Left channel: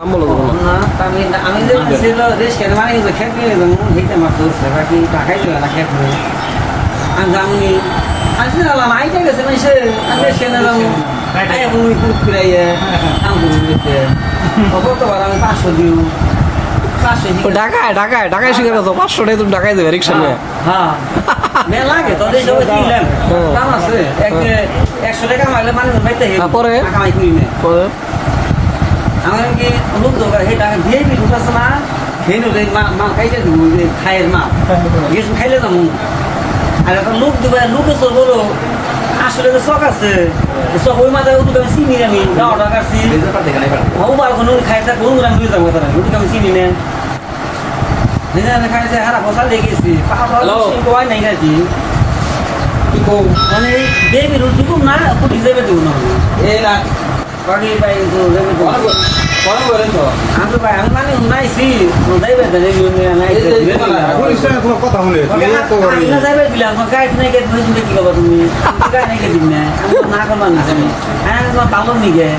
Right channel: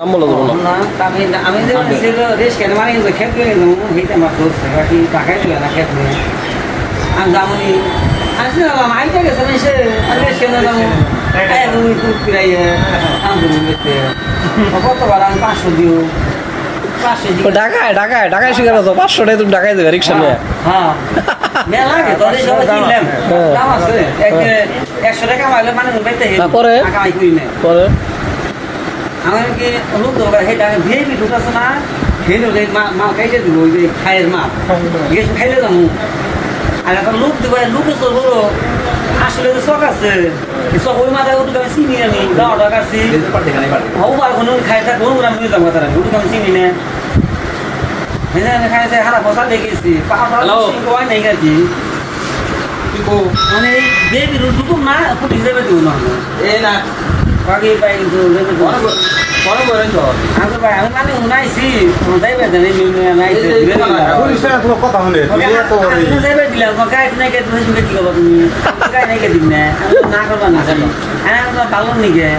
নাম বলো তো না আমি আমি যে ছিল রিস্ক কেন মানে খেত হয়ে গেলাম ভিটা আমার দোস্ত বাকি টাকাই দিল না খেত হয়ে আমি জামুনি আসলে না মাইটা গেছে মানে সে আমি রিস্ক কেন যাবো আই আমি খুব ফিরাইয়া কাম করে দিতে কতবার আমি 500 দিও 500 ঢাকায় শিকার আছো 500 টাকা তুমি ঢাকায় দেবে রিকশা নিয়ে হ্যাঁ মেলা লাগে তোদের সবাই কিনলাম দাম আছে 100 টাকা মাইলে মানে বাইতে পরে কামাই করি না পরে আমি কি লোক দরকার হেটা ভিআইপি ঢুকাছ না খেয়ে রে মা খাইতে দিব ওই খাইয়ের মা গেছ খাইলে যাবো আর একটা লোক দিব লোকে তো বড় আসলে তো শখ আছে শখ ওই মাথায় ওটুকু আমি চিনি আমি যাওয়া টাকা আছি হও বার কোনো খাইতে কোন আমি বুঝতে পারতাম না ওটুকু আমি চিনি না হেনা খাইতে হারা বসা লেগেছি পাপা কই নাই গাছি কি কো মানে বেবি ঢুকুম না পুটি যাবে তো না এ না বাকি ভাই বড় বড় তো আমি ভাই আমি মানে উনাইছি যাইবে জানি নাই কথা শুনে না যাইবে দিলাম গাইড নাই গাইড হইছে কি করব তুমি গাইড নাই গাইড না আমি না করব না হ্যাঁ তো পালন নিগে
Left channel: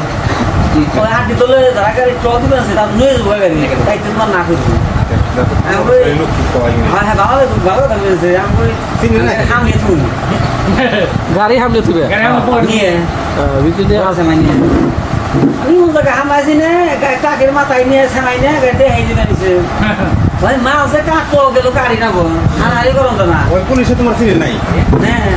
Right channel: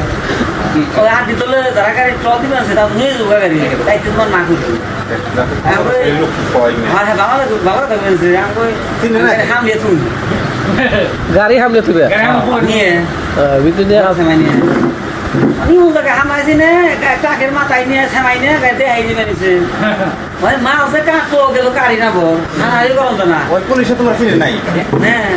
ওই আদি তোলে তারা গাড়ি চল দিবে সেটা নই যাবে গাড়ি তাই তোমার না করছি হ্যাঁ বাবা থাকবেন যে আমি হামলে তুই গাড়ি হামলে তুই নিয়ে ভিতরে আছে মানে আমি ওকে হামাইছি না কাকের মাথায় নিয়ে ছামাই না গাড়িতে হাইজি বানিয়েছে ভাই মা ওকে কাকো গেল গাড়ি না বল আর আই করন না ওই পুলিশে তোমার চিনে নাই হ্যাঁ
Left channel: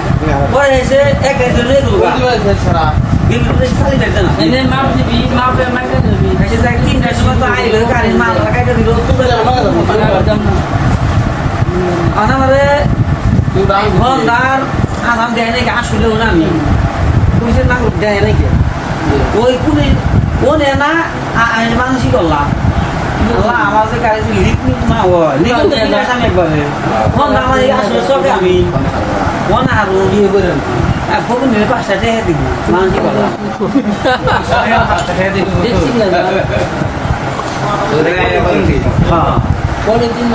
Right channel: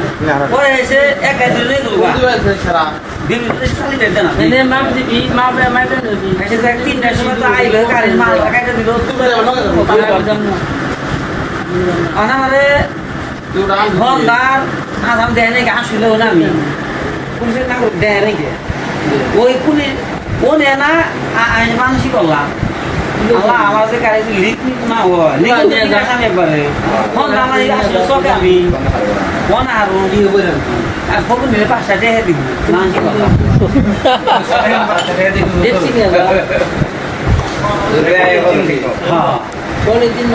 পরে এসে এক দিন লই গেল সারা দিন চালি দেন না এনে মাপ দিবি মাপ রে মাইতে দিবি এসে যাক 3টার সময় তো আইলো গাড়ির মাল কাইটা দিল তুই আমারে ভন্ডার আধাম দেয় নাকি আসলে না আমি পুলিশের নাগরিক দেয় নাকি ওই পুলিশ ও নে না মানসিক করলাম আল্লাহ আমার যে গাড়ি লিক না হয় একবারে আমার আসলে চকে আমি মন আরো দিয়ে বললাম আর ফোন নিলে 5 টাকা দিব মানসিক করলাম দেখছি কি হ্যাঁ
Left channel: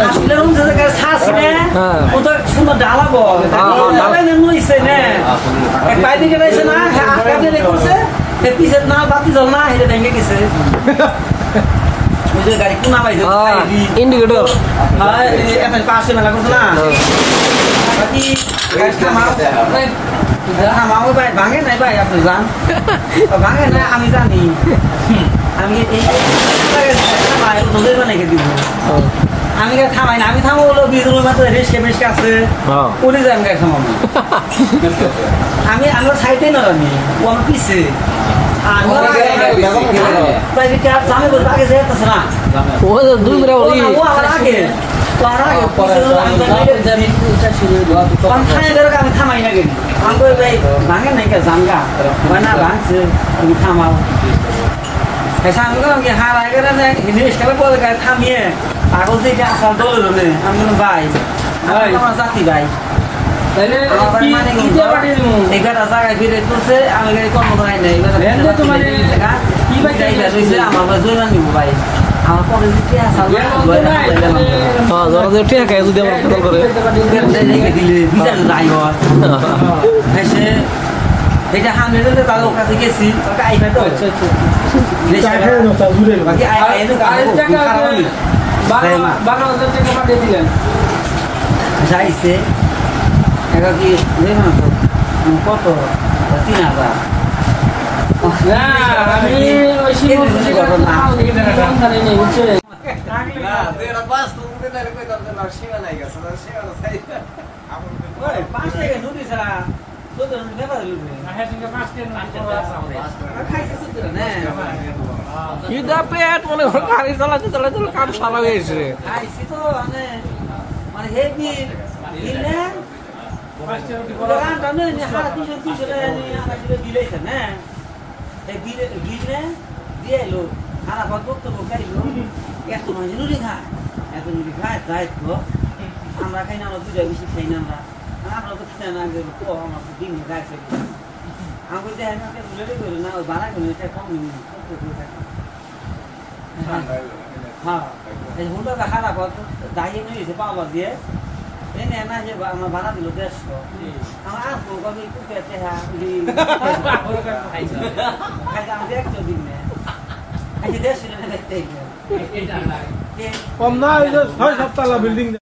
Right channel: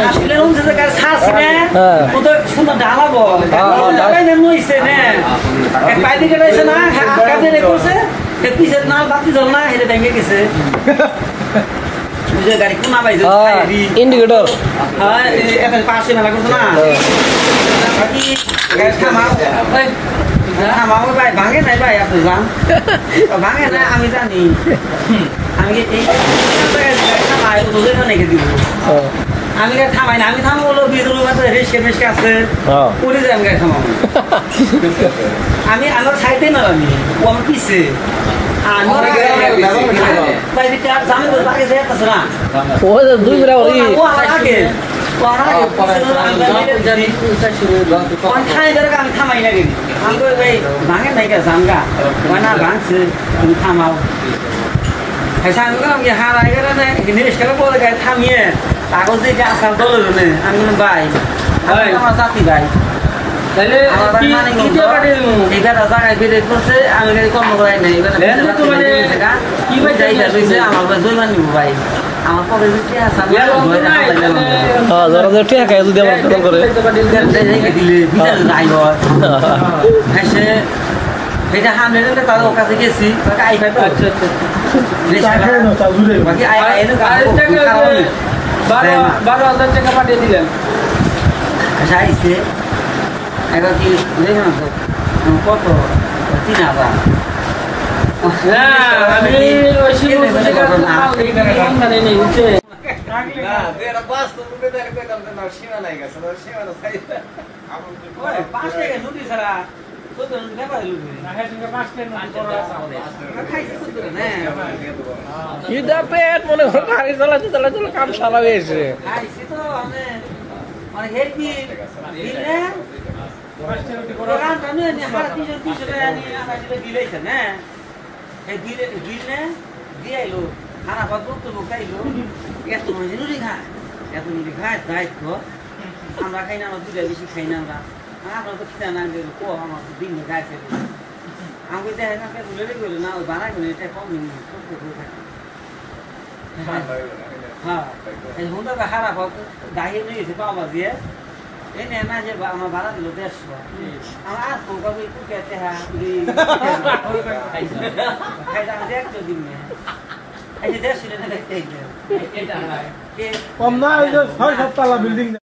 আসলে রুম থেকে গাড়ি ছাড়ছে না ও তো সুন্দর ঢালাবো ঢালাই না নইছে না এক পাইতে গেছে না কাজে রেখেছে পিছের না বাতি জল না হেরে ভেঙে গেছে গাড়ি কোনা পাইছে ইন্ডিকেটর হ্যাঁ এখন পাশে মেলা করছে না বাকি থামাও ভাই ভাঙে নাই ভাই আপনি যান ভাঙে না আমি জানি আমি এই থামাই নজর বানাইকে দিব আমি থামাই না আমি থামাবো বিদ্রোহ মাত্র রেস্কে মেসকে আছে পুলিশ আমি গাড়ি থামাবো আমি আমার সাইডে না আমি ও আমার পিছে আমি থামাই না গেলি আমি ভাঙে নাই জামগা না ভাঙছে তুমি থামাও আমি বললাম কি হ্যাঁ ভাই খেলা পরে গাড়ি থামিয়ে কাগজ দিয়ে আসার দলের আমি বললাম ভাই আমার জাতি ভাই তাহলে এগারো জায়গায় বিরোধ করছে আমি কর্ম করাই নাই কি ভাই আমার দৈমান নিব ভাই আমার পরে দিলে সামনে তাদের কাছে গেছি 12,000 টাকা পাঠিয়ে দিলেন আইসে এটা কি দেখবেন তো কত 3,000 আমি গাড়ি চালাতে কাম সারা হয়েছে আমরা খাই না বেশি খাই না আমরা তো খেতে না আমার দিন গাছে আমি না বাড়াই কম হ্যাঁ হুন্ডা খারাপ দাঁড়িয়ে নিয়ে গেছে পাওয়া দিয়ে Ini enak aja Pak, sama barat dulu des kok. Sama aku kalau itu kayak teh di. Kayak sama dia jadi nih. আচ্ছা 150 টাকা দেখতে কম না, ওই যে 6-7 তলা বিল্ডিং।